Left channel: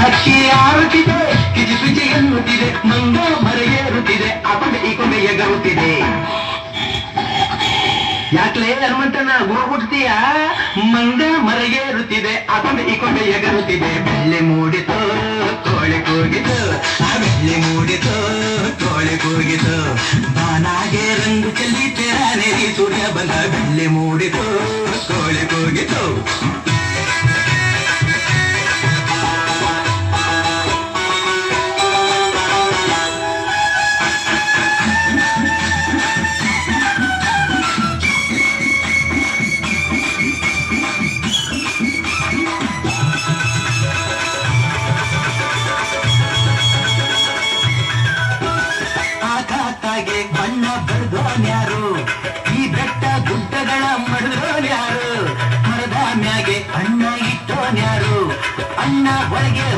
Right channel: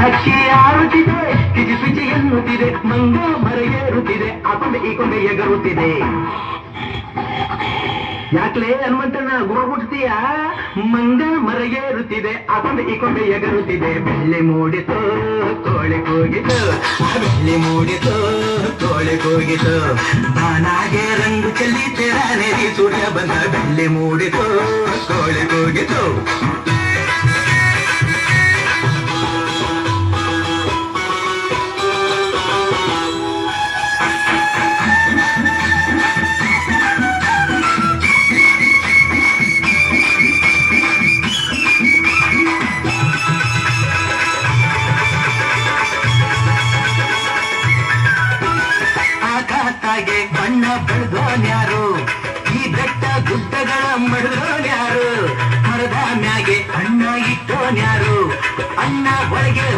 ಹಕ್ಕಿ ಆರುತ್ತಿದೆ ಕಿಜಿ ಪಿಜಿ ಎನ್ನುತ್ತಿದೆ ಮಂಗ ಮರ ಏರುತ್ತಿದೆ ಅಕೊಂಡೆ ಈ ಕೊಂಡೆ ಎಗರುತ್ತಿದೆ ಯಾಕ್ಲೇ ಹನುಮಂತಣ್ಣ ಗುರುಗುಡ್ತೀಯ ಮಂಗ ಮರ ಏರುತ್ತಿದೆ ಅಕೊಂಡೆ ಈ ಕೊಂಡೆ ಎಗರುತ್ತಿದೆ ಬೆಳ್ಳಿ ಮೂಡಿತು ತೋಳೆ ಕೂಗಿತು ಆ ಬೆಳ್ಳಿ ಮೂಡಿತು ತೋಳೆ ಕೂಗಿತು ಬಾನಾಗೆ ರಂಗು ಚೆಲ್ಲಿ ತೆರಾನೆ ಸೂರ್ಯ ಬಂದ ಬೆಳ್ಳಿ ಮೂಡಿತು ತೋಳೆ ಕೂಗಿತು ಕಣ್ಣ ಬೆಳೆದೋನ್ಯಾರು ಈ ಬೆಟ್ಟ ಗುಡ್ಡಗಳ ಮಡದೋನ್ಯಾರು ಮರದ ಮ್ಯಾಗೆ ಅಣ್ಣ ಇಟ್ಟೋನ್ಯಾರು ಅಣ್ಣ ಒಳಗೆ